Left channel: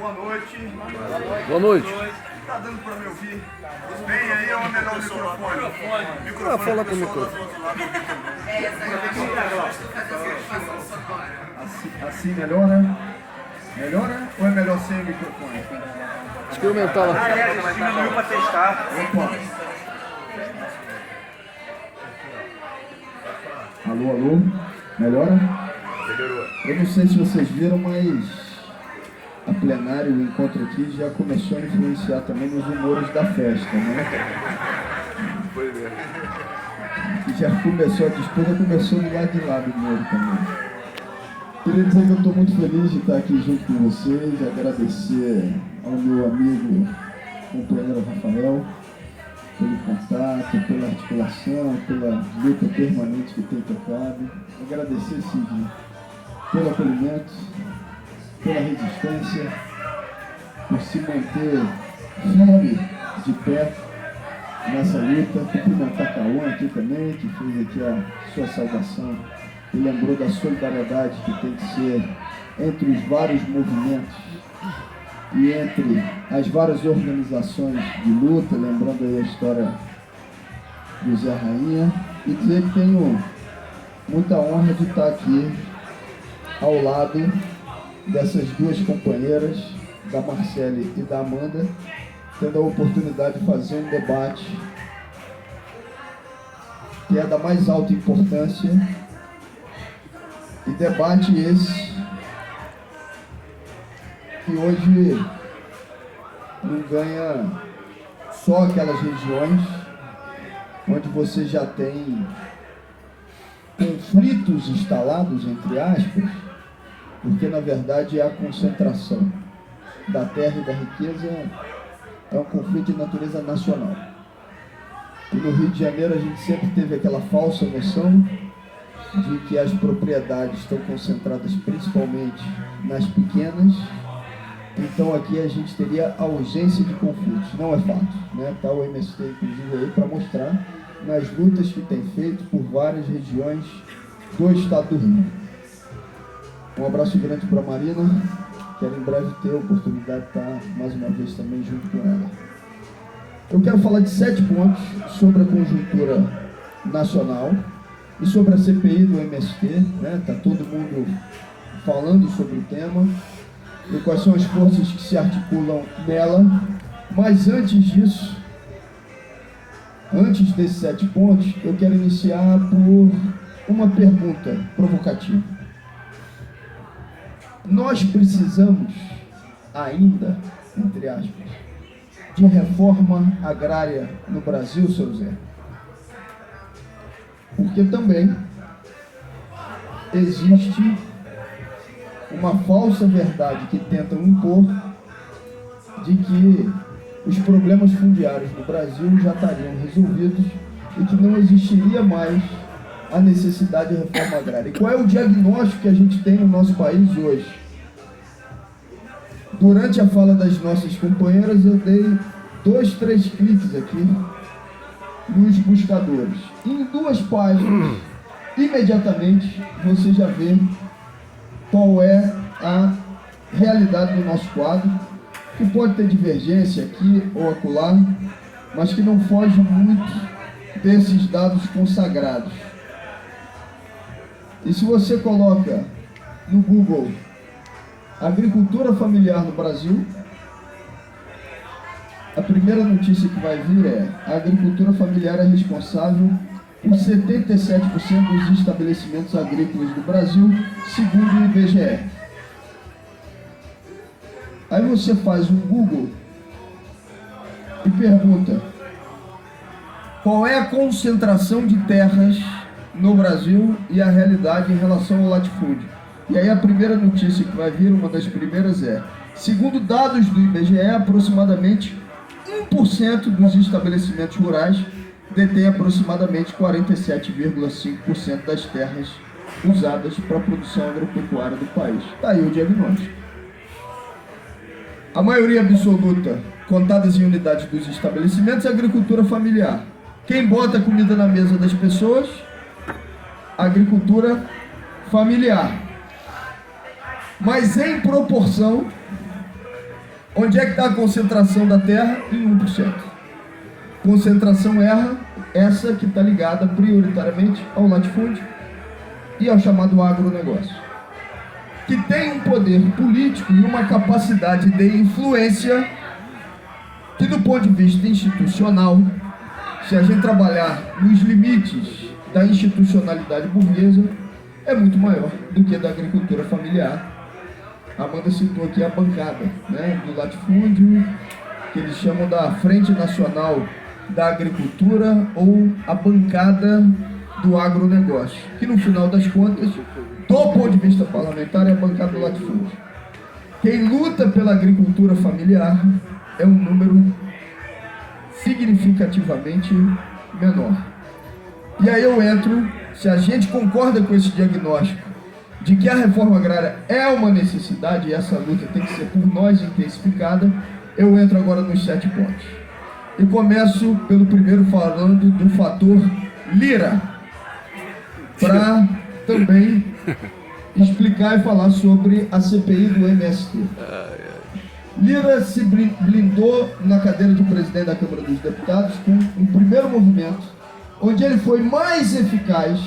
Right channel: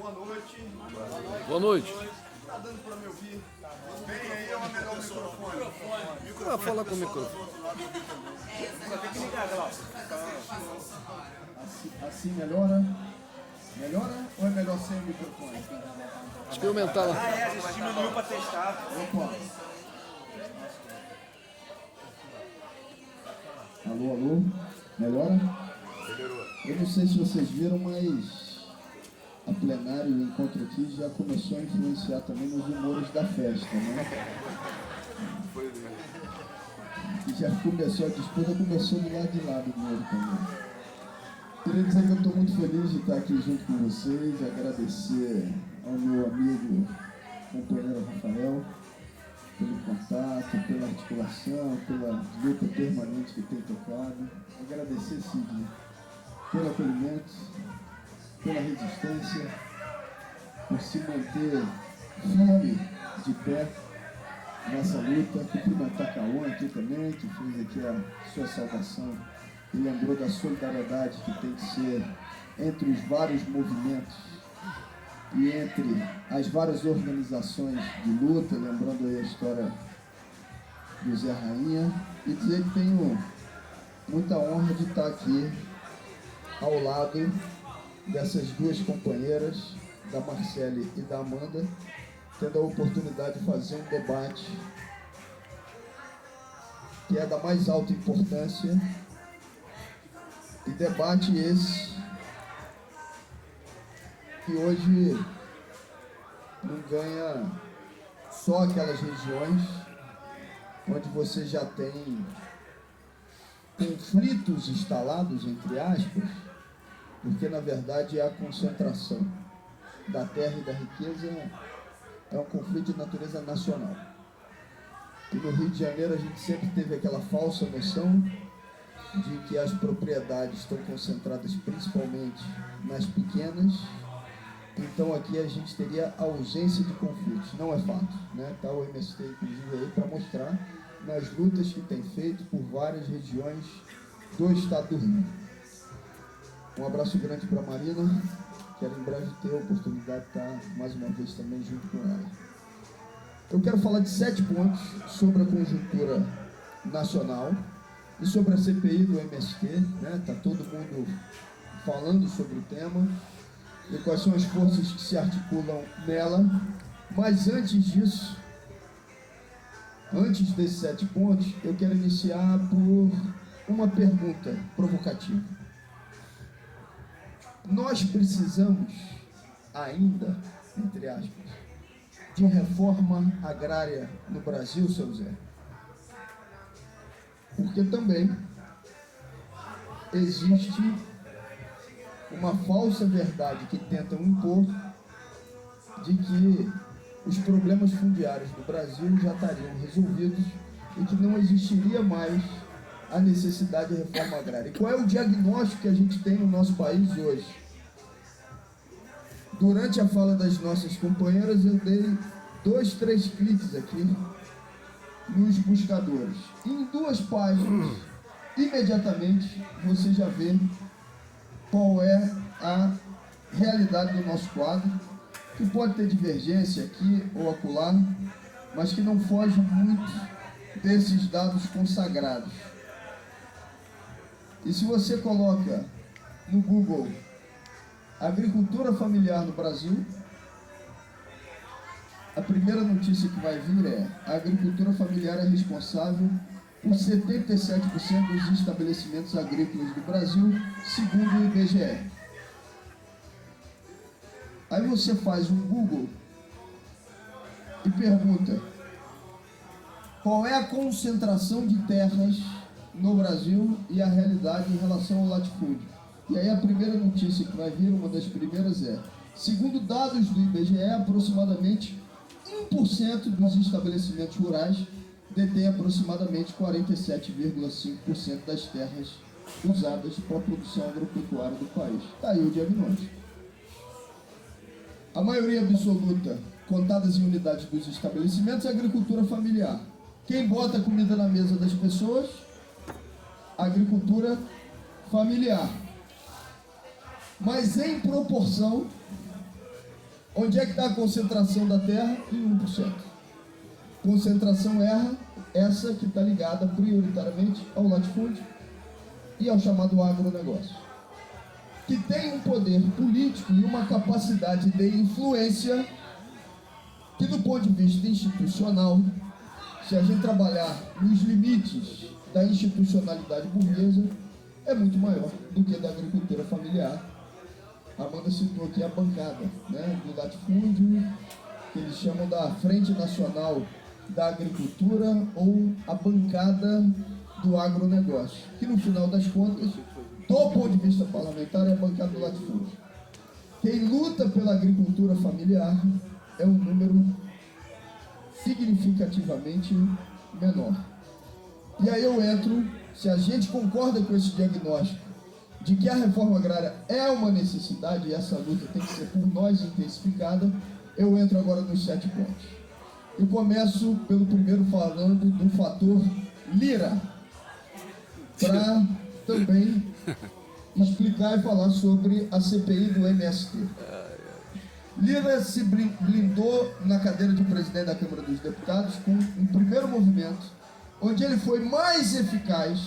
Boa noite. Boa noite. Tá dando pra me ouvir? Bem, aí é o melhor microfone. Fala pro microfone. Assim melhora? Melhora ou é melhor sem o microfone? Experimentar lá. Diminuiu pra testar. Opa. Alô, alô? Melhora? Melhorou. Eu não sei se vocês viram, mas a plenária, o encontro aqui já começou a influenciar também nos humores da festa, né? Foi mesmo. E já começou, a disputa começou do lado de lá do humor também. Queria dizer que eu estou muito feliz de estar aqui junto com vocês, agradecer ao meu amigo, companheiro Rafael, pelo contato, pela articulação, pela luta permanente que tem tocado. Agradecer, Sidney, pelo acolhimento, pela resistência, por se manter firme de pé nessa luta. Cumprimentar Cauã aqui também, que fez aqui a sua saudação e lembrou da solidariedade que tem que ser entre os vários movimentos e entre as várias organizações de luta, lembrando aí a história do Zé Rainha, e dizer que tenho muita honra de estar aqui ao lado dessas duas companheiras, da Marcele e da Amanda, tendo a oportunidade de fazer um debate que é da mais alta importância, e debate esse que hoje não ganha só aquelas regiões onde você já tem conflitos instalados, entre aspas, porque na verdade é a concentração da terra e da riqueza, é um conflito de natureza nacional. E no Rio de Janeiro a gente sempre teve aquela falsa noção de que as propriedades estão concentradas principalmente nas pequenas, então aqui a gente teria ausência de conflitos. Não é fato, né? Está o MST inclusive aí para mostrar nas lutas que tem feito por várias regiões do estado do Rio. Um abraço grande para a Marina, quero em breve ter a oportunidade de estar mais uma vez também junto com ela. Eu quero falar de 7 pontos sobre a conjuntura nacional e sobre a CPI do MST, né? Tá todo mundo falando sobre o tema e quais são as forças que se articulam nela. Mas antes disso, antes desses 7 pontos, eu quero iniciar por uma pergunta provocativa. Nós precisamos ainda, entre aspas, de reforma agrária no Brasil, seu Zé? Porque também existe uma falsa verdade que tentam impor de que os problemas fundiários no Brasil já estariam resolvidos e que não existiria mais a necessidade de reforma agrária. E qual é o diagnóstico que a gente tem no nosso país hoje? Durante a fala das nossas companheiras, eu dei 2, 3 cliques aqui nos buscadores. Em 2 páginas, imediatamente, você já vê qual é a realidade do nosso quadro, que pode ter divergência aqui ou acolá, mas que não foge muito desses dados consagrados. E se você coloca no Google agricultura familiar no Brasil, a primeira notícia que vai vir é: a agricultura familiar é responsável por 77% dos estabelecimentos agrícolas do Brasil, segundo o IBGE. Aí você faz um Google e pergunta: qual é a concentração de terras no Brasil e a realidade em relação ao latifúndio? E aí a primeira notícia que vai vir, uma das primeiras é: segundo dados do IBGE, aproximadamente 1% dos estabelecimentos rurais detém aproximadamente 47,5% das terras usadas para a produção agropecuária do país. Está aí o diagnóstico. A maioria absoluta, contadas em unidades dos estabelecimentos, é agricultura familiar. Quem bota comida na mesa das pessoas? Agricultura familiar. Mas em proporção Onde é que está a concentração da terra? Em 1%. Concentração essa que está ligada prioritariamente ao latifúndio e ao chamado agronegócio, que tem um poder político e uma capacidade de influência que, do ponto de vista institucional, se a gente trabalhar nos limites da institucionalidade burguesa, é muito maior do que a da agricultura familiar. A Amanda citou aqui a bancada, né, do latifúndio, que eles chamam da Frente Nacional da Agricultura ou a bancada do agronegócio, que no final das contas, do ponto de vista parlamentar, é a bancada do latifúndio. Quem luta pela agricultura familiar é um número significativamente menor. E aí eu entro, se a gente concorda com esse diagnóstico de que a reforma agrária é uma necessidade e essa luta tem que ser por nós intensificada, eu entro agora nos 7 pontos. E começo pelo primeiro, falando do fator Lira, para também explicar e falar sobre a CPI do MST. Lira se blindou na cadeira de presidente da Câmara dos Deputados com um primeiro movimento, onde ele foi mais eficaz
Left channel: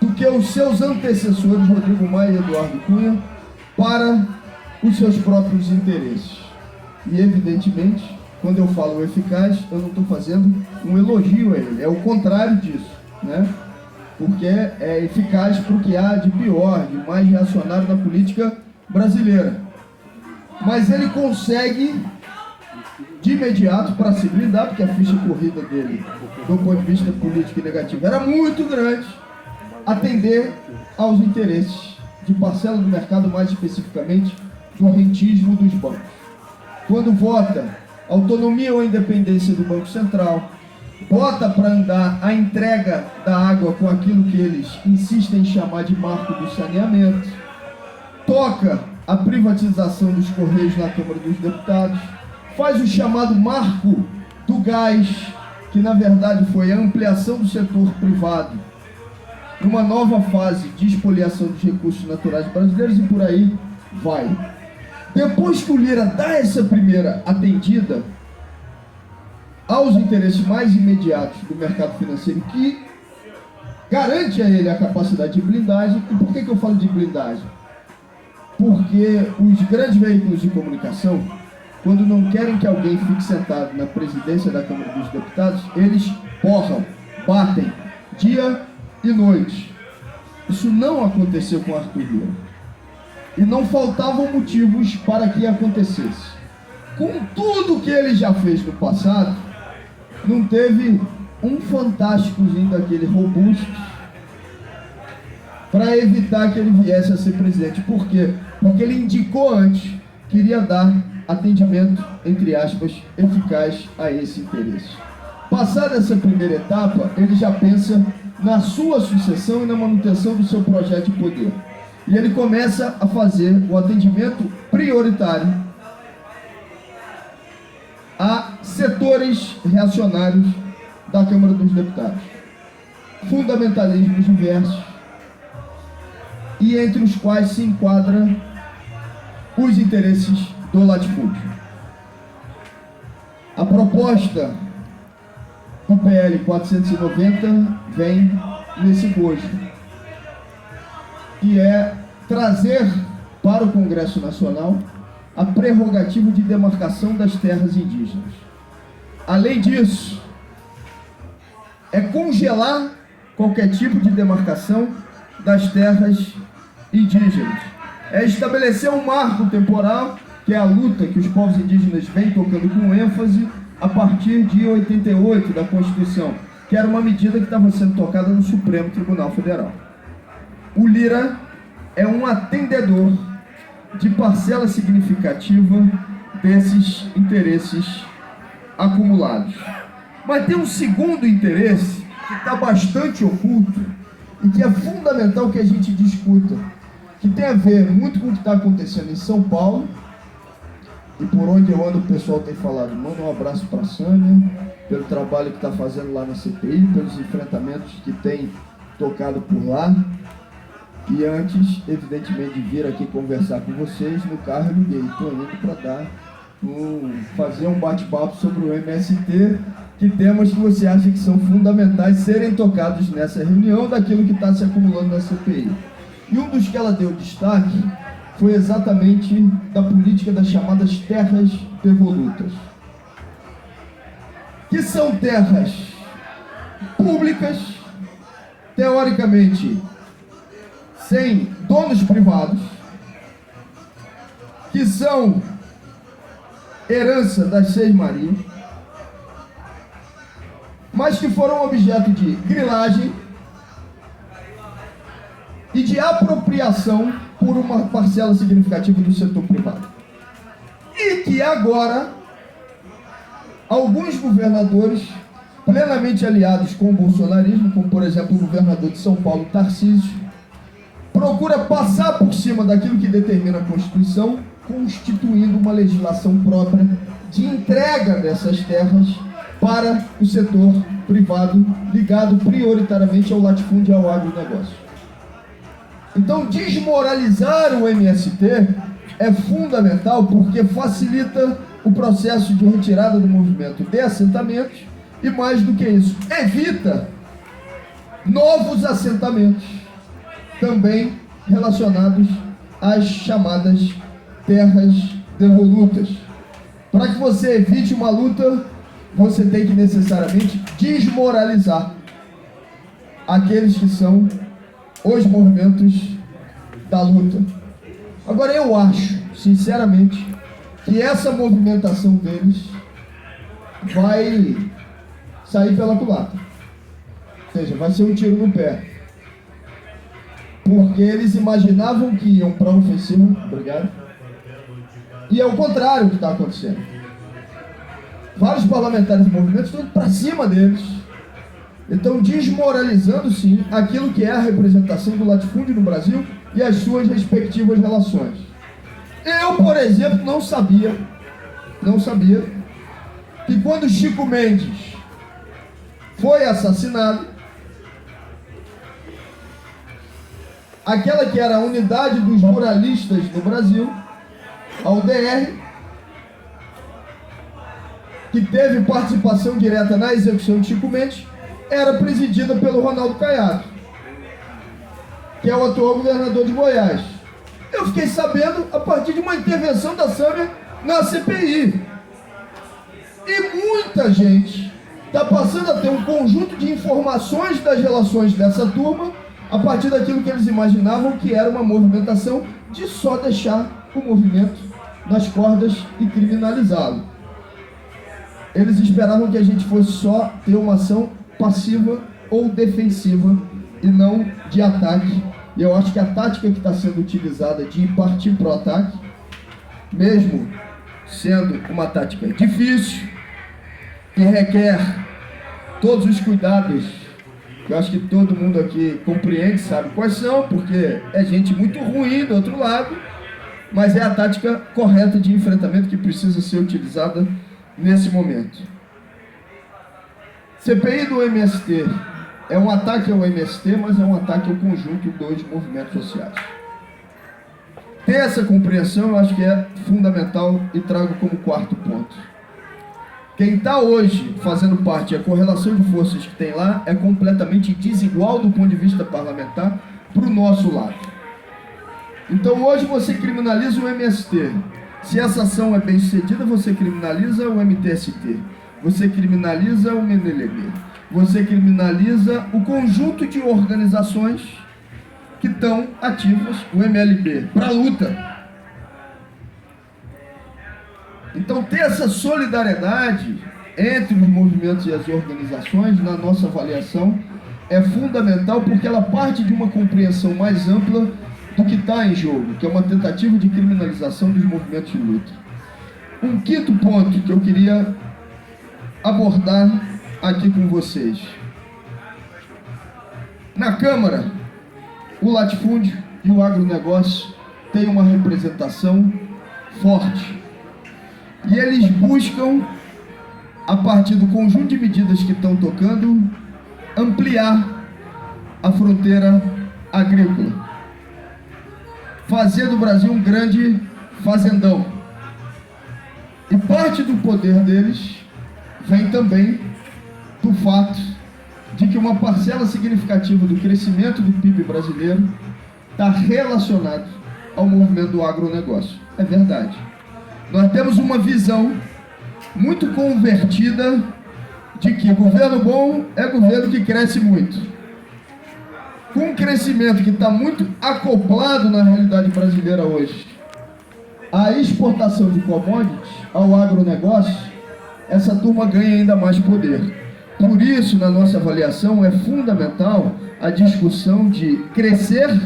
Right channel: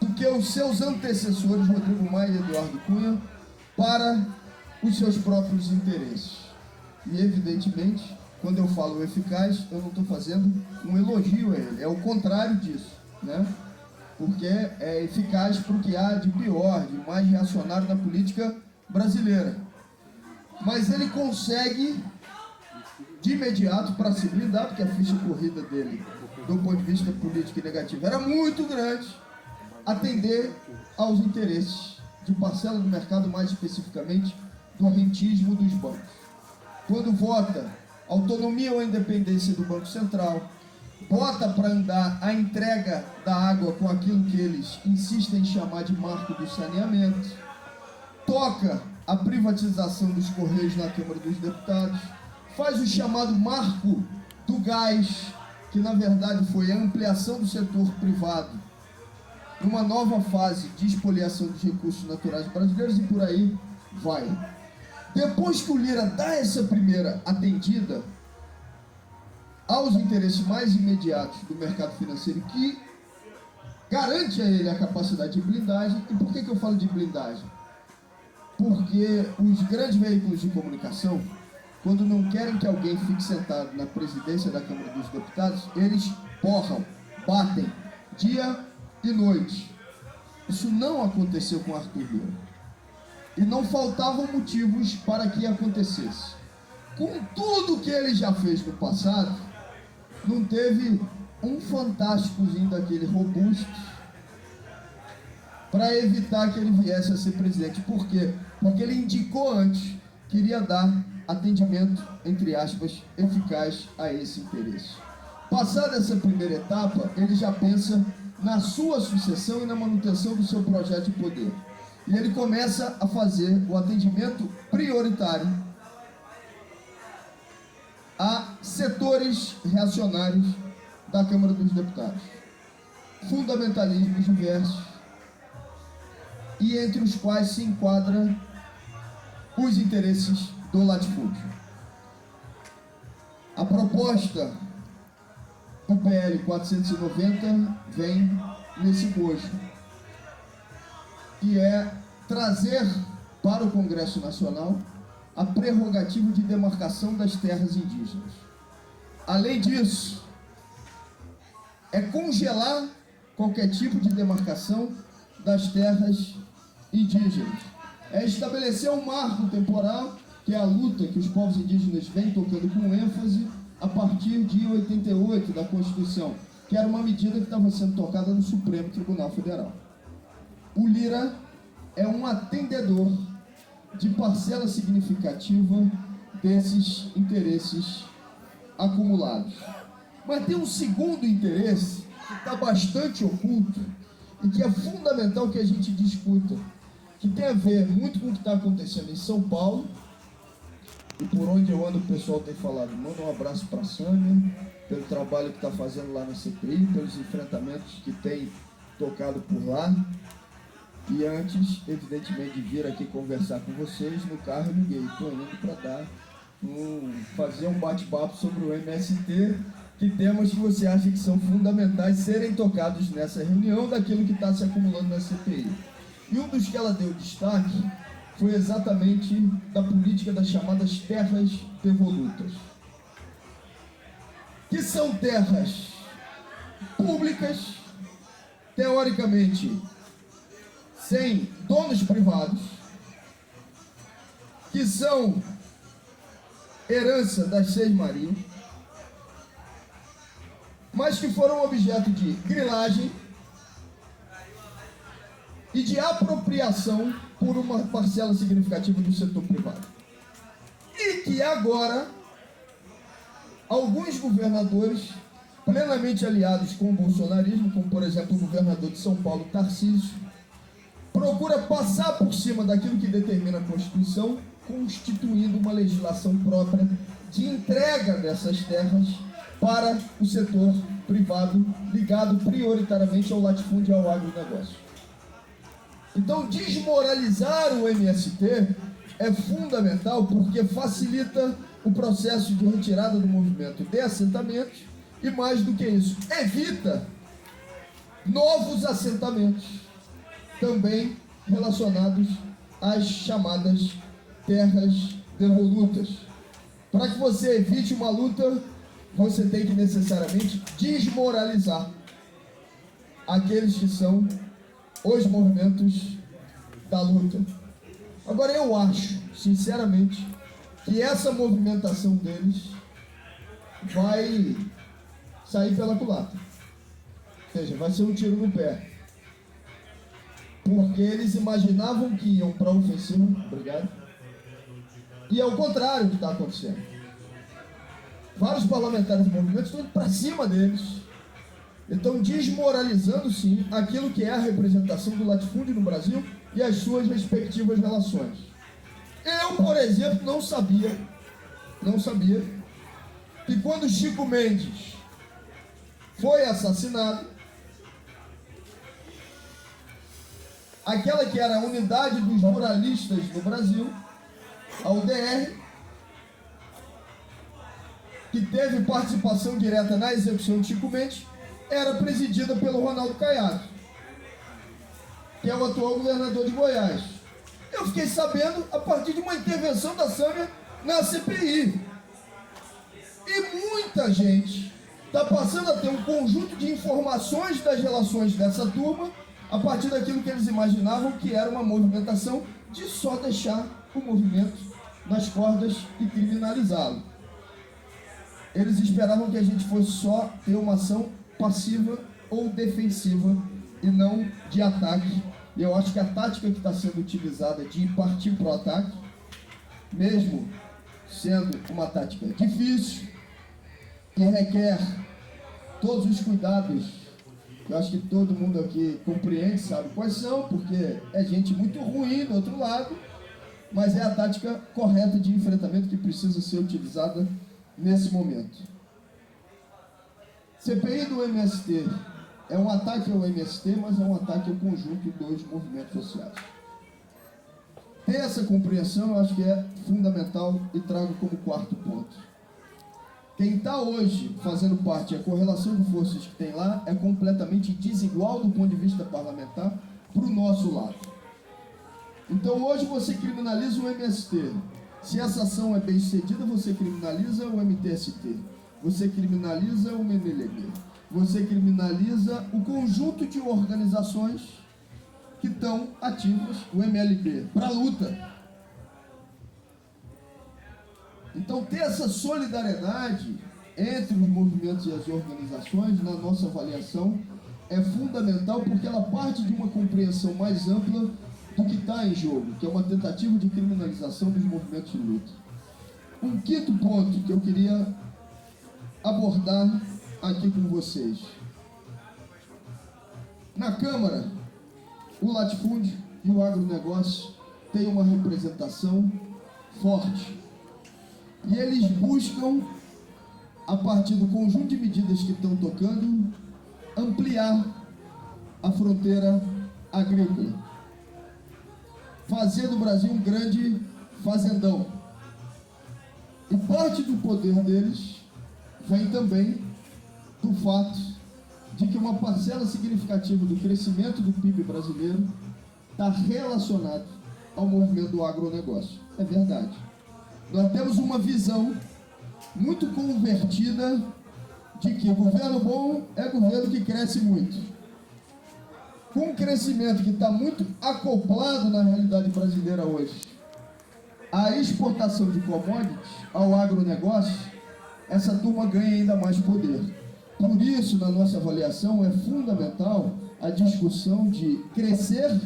do que os seus antecessores, Rodrigo Maia e Eduardo Cunha, para os seus próprios interesses. E, evidentemente, quando eu falo eficaz, eu não estou fazendo um elogio a ele, é o contrário disso, né? Porque é eficaz para o que há de pior, de mais reacionário na política brasileira. Mas ele consegue, de imediato, para se blindar, porque a ficha corrida dele, do ponto de vista político e negativo, era muito grande, atender aos interesses de parcela do mercado, mais especificamente do rentismo dos bancos. Quando vota autonomia ou independência do Banco Central, bota para andar a entrega da água com aquilo que eles insistem em chamar de marco do saneamento, toca a privatização dos Correios na Câmara dos Deputados, faz o chamado marco do gás, que na verdade foi a ampliação do setor privado, numa nova fase de espoliação dos recursos naturais brasileiros, e por aí vai. Depois que o Lira dá essa primeira atendida aos interesses mais imediatos do mercado financeiro, que garante a ele a capacidade de blindagem. E por que eu falo de blindagem? Porque os grandes veículos de comunicação, quando não querem que alguém fique sentado na presidência da Câmara dos Deputados, eles porram, batem, dia e noite. Isso não aconteceu com Arthur Lira. E não faltavam motivos para que acontecesse. Com tudo que ele já fez no passado, não teve um fantásticozinho daquele robusto para evitar que ele viesse a ser presidente. Por quê? Porque ele indicou antes que iria dar atendimento, entre aspas, eficaz a esse interesse. Passada essa primeira etapa, ele já pensa na sua sucessão e na manutenção do seu projeto de poder. E ele começa a fazer o atendimento prioritário a setores reacionários da Câmara dos Deputados, fundamentalismos diversos, e entre os quais se enquadra os interesses do latifúndio. A proposta do PL 490 vem nesse gosto, que é trazer para o Congresso Nacional a prerrogativa de demarcação das terras indígenas. Além disso, é congelar qualquer tipo de demarcação das terras indígenas. É estabelecer um marco temporal, que é a luta que os povos indígenas vêm tocando com ênfase a partir de 88 da Constituição, que era uma medida que estava sendo tocada no Supremo Tribunal Federal. O Lira é um atendedor de parcela significativa desses interesses acumulados. Mas tem um segundo interesse que está bastante oculto e que é fundamental que a gente discuta, que tem a ver muito com o que está acontecendo em São Paulo, e por onde eu ando o pessoal tem falado, manda um abraço para a Sânia, pelo trabalho que está fazendo lá na CPI, pelos enfrentamentos que tem tocado por lá, E antes, evidentemente, de vir aqui conversar com vocês, no carro eu liguei. Estou indo para fazer um bate-papo sobre o MST, que temas que você acha que são fundamentais serem tocados nessa reunião daquilo que está se acumulando na CPI. E um dos que ela deu destaque foi exatamente da política das chamadas terras devolutas, que são terras públicas, teoricamente sem donos privados, que são herança das Seis Marias, mas que foram objeto de grilagem e de apropriação por uma parcela significativa do setor privado. E que agora alguns governadores plenamente aliados com o bolsonarismo, como por exemplo o governador de São Paulo, Tarcísio, procura passar por cima daquilo que determina a Constituição, constituindo uma legislação própria de entrega dessas terras para o setor privado, ligado prioritariamente ao latifúndio e ao agronegócio. Então, desmoralizar o MST é fundamental porque facilita o processo de retirada do movimento de assentamentos e, mais do que isso, evita novos assentamentos também relacionados às chamadas terras devolutas. Para que você evite uma luta, você tem que necessariamente desmoralizar aqueles que são os movimentos da luta. Agora, eu acho, sinceramente, que essa movimentação deles vai sair pela culatra. Ou seja, vai ser um tiro no pé. Porque eles imaginavam que iam para a ofensiva, obrigado, e é o contrário que está acontecendo. Vários parlamentares do movimento estão indo para cima deles. Estão desmoralizando, sim, aquilo que é a representação do latifúndio no Brasil e as suas respectivas relações. Eu, por exemplo, não sabia que quando Chico Mendes foi assassinado, aquela que era a unidade dos ruralistas no Brasil, a UDR, que teve participação direta na execução de Chico Mendes, era presidida pelo Ronaldo Caiado, que é o atual governador de Goiás. Eu fiquei sabendo a partir de uma intervenção da Sâmia na CPI. E muita gente está passando a ter um conjunto de informações das relações dessa turma a partir daquilo que eles imaginavam que era uma movimentação de só deixar o movimento nas cordas e criminalizá-lo. Eles esperavam que a gente fosse só ter uma ação passiva ou defensiva e não de ataque. E eu acho que a tática que está sendo utilizada de partir para o ataque, mesmo sendo uma tática difícil, que requer todos os cuidados, que eu acho que todo mundo aqui compreende, sabe quais são, porque é gente muito ruim do outro lado, mas é a tática correta de enfrentamento que precisa ser utilizada nesse momento. CPI do MST é um ataque ao MST, mas é um ataque ao conjunto dos movimentos sociais. Ter essa compreensão eu acho que é fundamental e trago como quarto ponto. Quem está hoje fazendo parte, a correlação de forças que tem lá é completamente desigual do ponto de vista parlamentar para o nosso lado. Então hoje você criminaliza o MST. Se essa ação é bem sucedida, você criminaliza o MTST. Você criminaliza o MNLB. Você criminaliza o conjunto de organizações que estão ativas, o MLB, para a luta. Então, ter essa solidariedade entre os movimentos e as organizações, na nossa avaliação, é fundamental porque ela parte de uma compreensão mais ampla do que está em jogo, que é uma tentativa de criminalização dos movimentos de luta. Um quinto ponto que eu queria abordar aqui com vocês. Na Câmara, o latifúndio e o agronegócio têm uma representação forte. E eles buscam, a partir do conjunto de medidas que estão tocando, ampliar a fronteira agrícola. fazer do Brasil um grande fazendão. E parte do poder deles vem também do fato de que uma parcela significativa do crescimento do PIB brasileiro está relacionado ao movimento do agronegócio. É verdade. Nós temos uma visão muito convertida de que governo bom é governo que cresce muito. Com um crescimento que está muito acoplado na realidade brasileira hoje, a exportação de commodities ao agronegócio, essa turma ganha ainda mais poder. Por isso, na nossa avaliação, é fundamental a discussão de crescer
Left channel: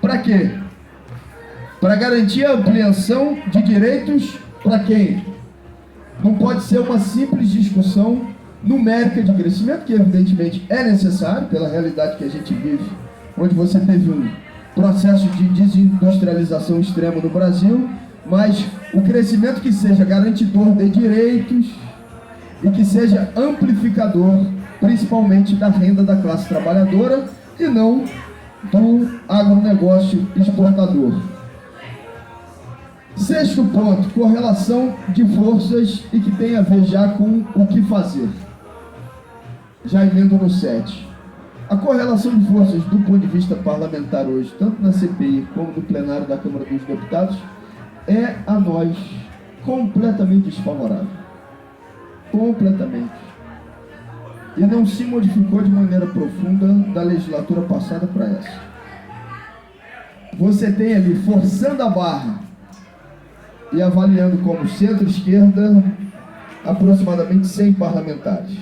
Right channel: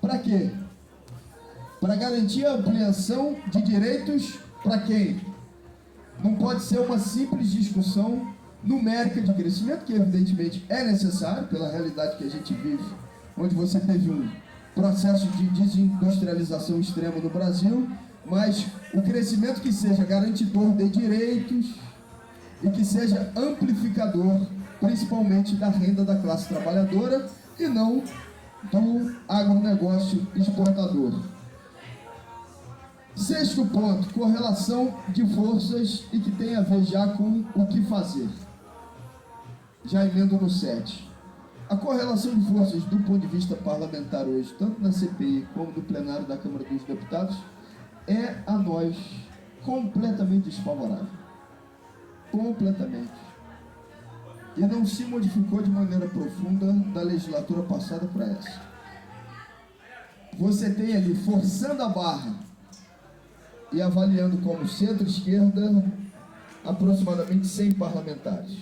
para quê? Para garantir a ampliação de direitos para quem? Não pode ser uma simples discussão numérica de crescimento, que evidentemente é necessário pela realidade que a gente vive, onde você teve um processo de desindustrialização extrema no Brasil, mas o crescimento que seja garantidor de direitos e que seja amplificador, principalmente da renda da classe trabalhadora e não do agronegócio exportador. Sexto ponto, correlação de forças e que tem a ver já com o que fazer. Já emendo no 7. A correlação de forças do ponto de vista parlamentar hoje, tanto na CPI como no plenário da Câmara dos Deputados, é a nós completamente desfavorável. Completamente. E não se modificou de maneira profunda da legislatura passada para essa. Você tem ali, forçando a barra e avaliando como centro-esquerda, aproximadamente 100 parlamentares.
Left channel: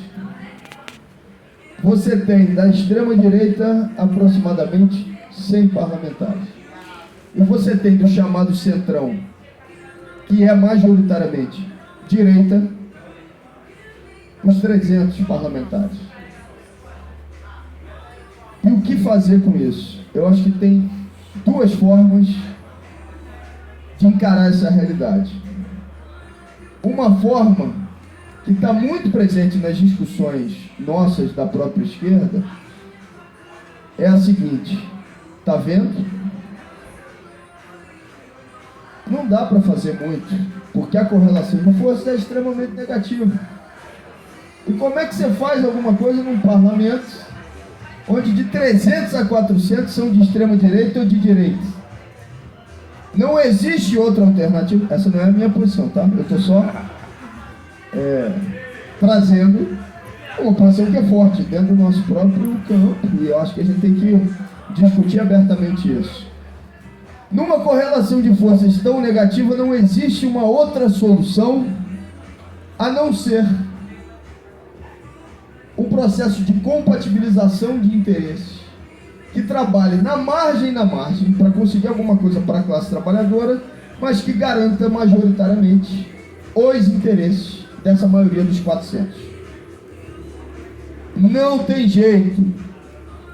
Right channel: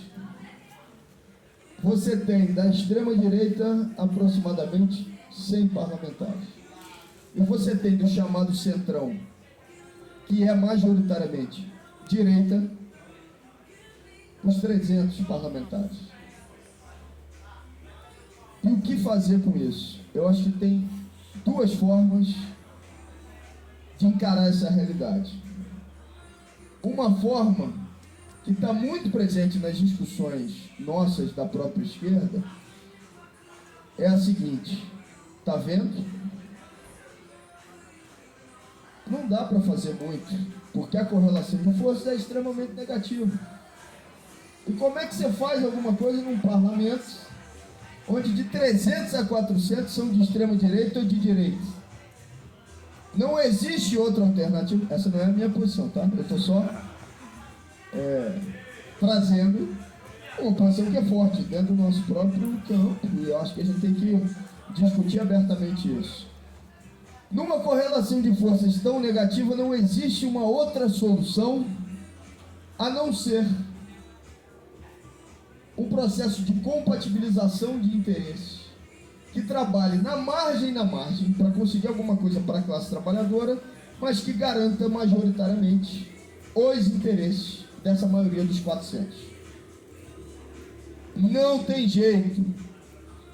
Você tem da extrema-direita aproximadamente 100 parlamentares. E você tem do chamado centrão, que é majoritariamente direita, uns 300 parlamentares. E o que fazer com isso? Eu acho que tem duas formas de encarar essa realidade. Uma forma que está muito presente nas discussões nossas da própria esquerda é a seguinte: tá vendo? Não dá para fazer muito, porque a correlação de força é extremamente negativa. E como é que você faz alguma coisa num parlamento onde de 300 a 400 são de extrema direita ou de direita? Não existe outra alternativa. Essa não é a minha posição, tá? Eu estou só trazendo uma posição que é forte dentro do nosso próprio campo. E eu acho que a gente tem que discutir abertamente isso. Numa correlação de forças tão negativa, não existe uma outra solução a não ser um processo de compatibilização de interesses que trabalhe na margem para conseguir alguma coisa para a classe trabalhadora, mas que garanta majoritariamente os interesses dessa maioria dos 400. Não tem jeito.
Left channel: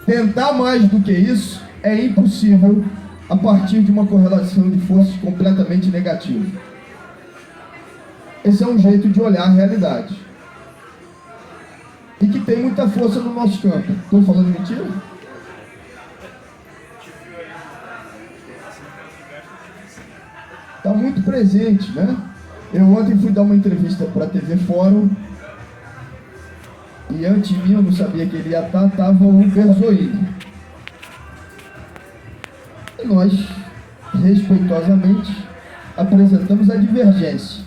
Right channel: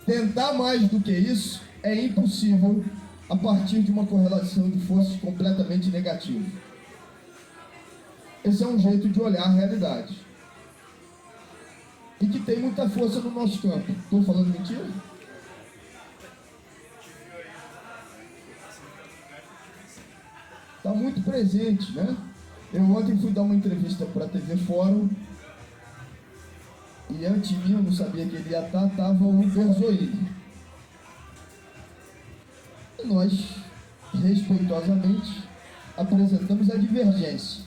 Tentar mais do que isso é impossível a partir de uma correlação de forças completamente negativa. Esse é um jeito de olhar a realidade. E que tem muita força no nosso campo. Estou falando mentira? Está muito presente, né? Eu ontem fui dar uma entrevista para a TV Fórum e antes de mim, eu não sabia que ele ia estar, estava o Berzoini. E nós, respeitosamente, apresentamos a divergência.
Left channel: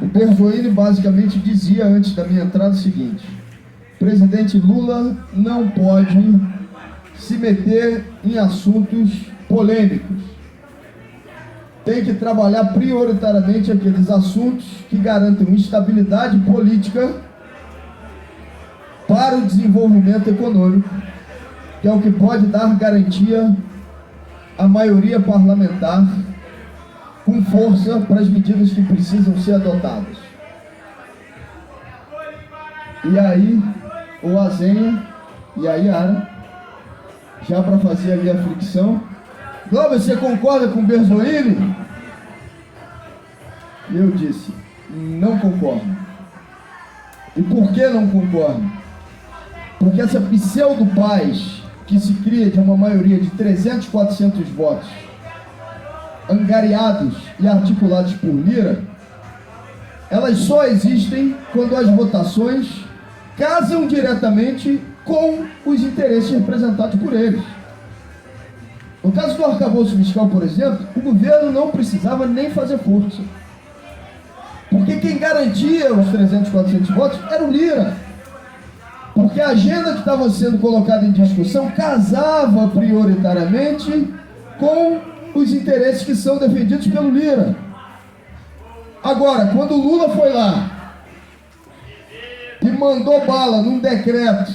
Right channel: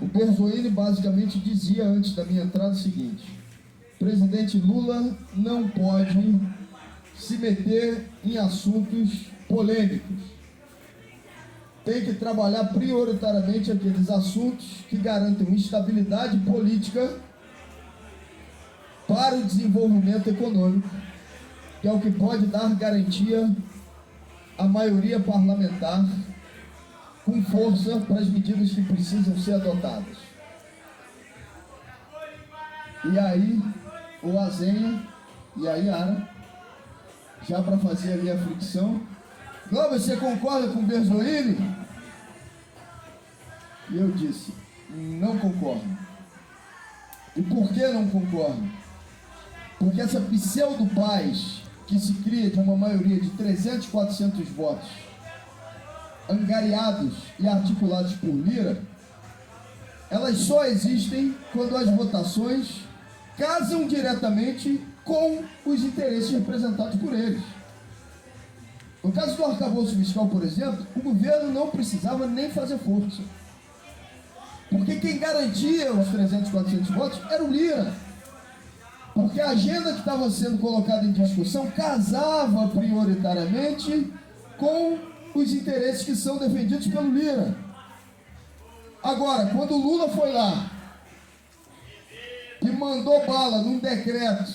O Berzoini basicamente dizia antes da minha entrada o seguinte: presidente Lula não pode se meter em assuntos polêmicos. Tem que trabalhar prioritariamente aqueles assuntos que garantem estabilidade política para o desenvolvimento econômico, que é o que pode dar garantia à maioria parlamentar com força para as medidas que precisam ser adotadas. E aí, o Azenha e a Yara, já para fazer ali a fricção: Globo, você concorda com o Berzoini? E eu disse: não concordo. E por que não concordo? Porque essa pseudo-paz que se cria de uma maioria de 300, 400 votos angariados e articulados por Lira, elas só existem quando as votações casam diretamente com os interesses representados por eles. No caso do arcabouço fiscal, por exemplo, o governo não precisava nem fazer força, porque quem garantia os 300, 400 votos era o Lira, porque a agenda que estava sendo colocada em discussão casava prioritariamente com os interesses que são defendidos pelo Lira. Agora, quando o Lula foi lá e mandou bala num decreto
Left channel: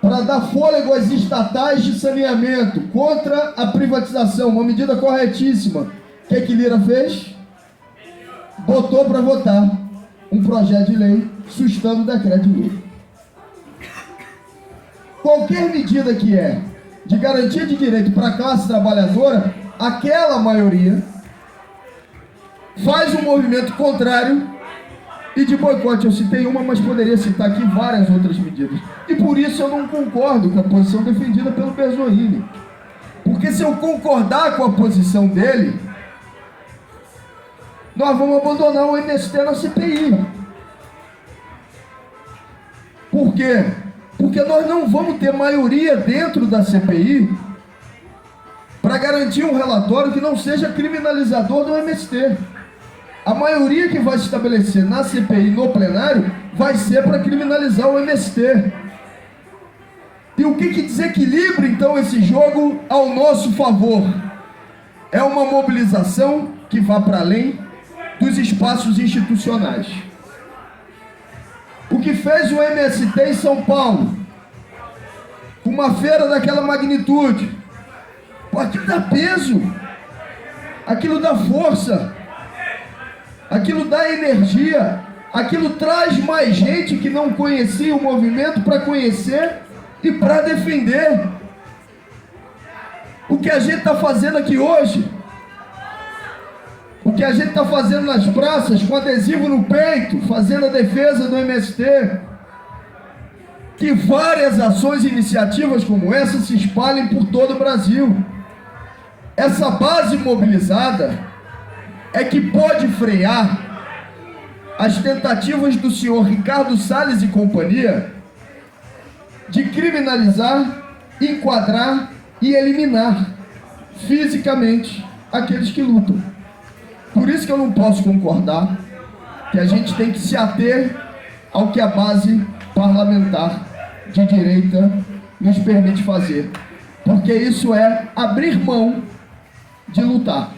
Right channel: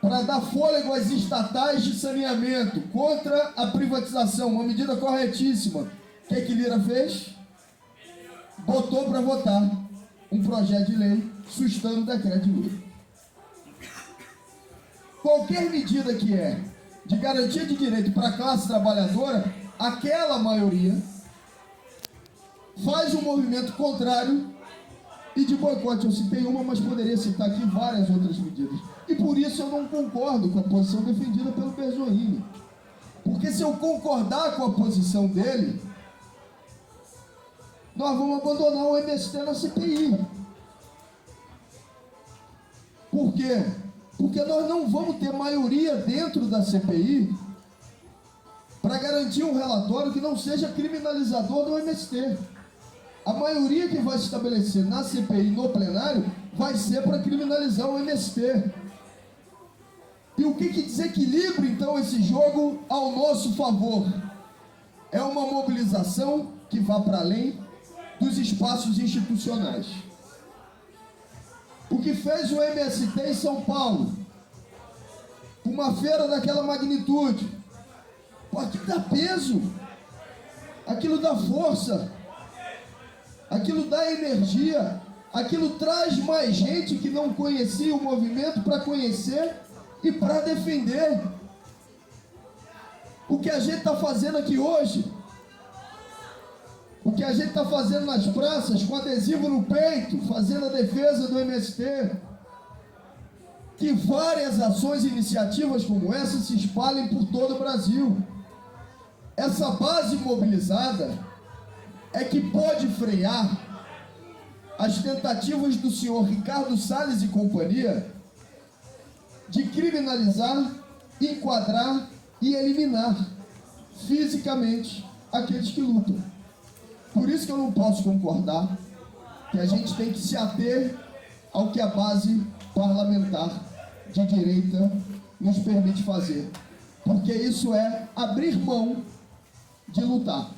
para dar fôlego às estatais de saneamento contra a privatização, uma medida corretíssima, o que Lira fez? Botou para votar um projeto de lei sustando o decreto de Lula. Qualquer medida que é de garantia de direito para a classe trabalhadora, aquela maioria faz um movimento contrário e de boicote. Eu citei uma, mas poderia citar aqui várias outras medidas. E por isso eu não concordo com a posição defendida pelo Berzoini. Porque se eu concordar com a posição dele, nós vamos abandonar o MST na CPI. Por quê? Porque nós não vamos ter maioria dentro da CPI para garantir um relatório que não seja criminalizador do MST. A maioria que vai se estabelecer na CPI no plenário vai ser para criminalizar o MST. E o que desequilibra então esse jogo ao nosso favor? É uma mobilização que vá para além dos espaços institucionais. O que fez o MST em São Paulo, uma feira daquela magnitude, aquilo dá peso, aquilo dá força, aquilo dá energia, aquilo traz mais gente que não conhecia o movimento para conhecer e para defender. O que a gente está fazendo aqui hoje, o que a gente está fazendo nas praças, com adesivo no peito, fazendo a defesa do MST, que várias ações e iniciativas como essa se espalhem por todo o Brasil. Essa base mobilizada é que pode frear as tentativas do senhor Ricardo Salles e companhia de criminalizar, enquadrar e eliminar fisicamente aqueles que lutam. Por isso que eu não posso concordar que a gente tem que se ater ao que a base parlamentar de direita nos permite fazer, porque isso é abrir mão de lutar,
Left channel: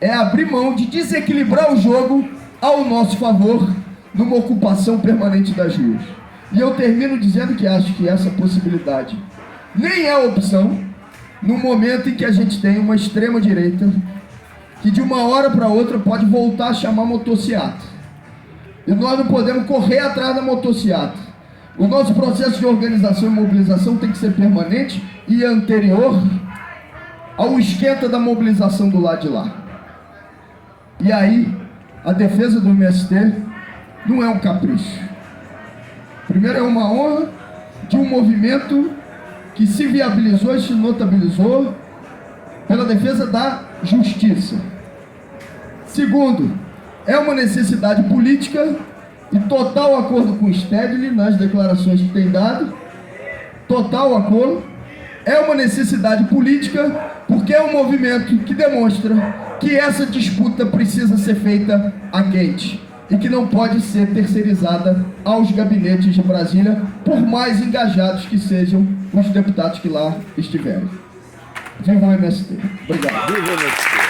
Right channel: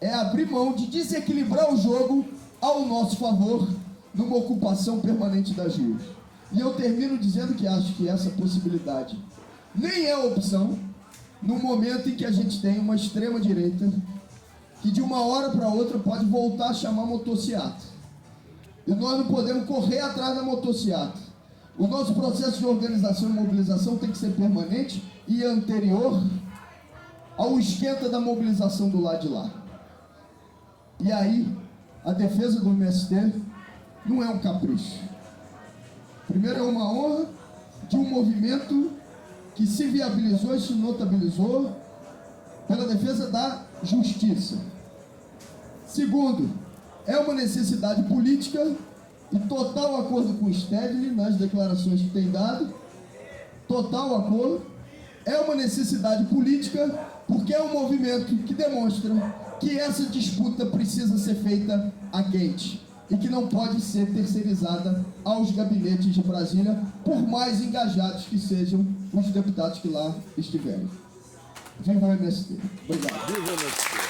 é abrir mão de desequilibrar o jogo ao nosso favor numa ocupação permanente das ruas. E eu termino dizendo que acho que essa possibilidade nem é opção no momento em que a gente tem uma extrema direita que de uma hora para outra pode voltar a chamar motociata. E nós não podemos correr atrás da motociata. O nosso processo de organização e mobilização tem que ser permanente e anterior ao esquenta da mobilização do lado de lá. E aí, a defesa do MST não é um capricho. Primeiro, é uma honra de um movimento que se viabilizou e se notabilizou pela defesa da justiça. Segundo, é uma necessidade política e total acordo com o Stedley nas declarações que tem dado. Total acordo. É uma necessidade política porque é um movimento que demonstra que essa disputa precisa ser feita a quente e que não pode ser terceirizada aos gabinetes de Brasília, por mais engajados que sejam os deputados que lá estiverem. Viva o MST. Obrigado. Viva o MST.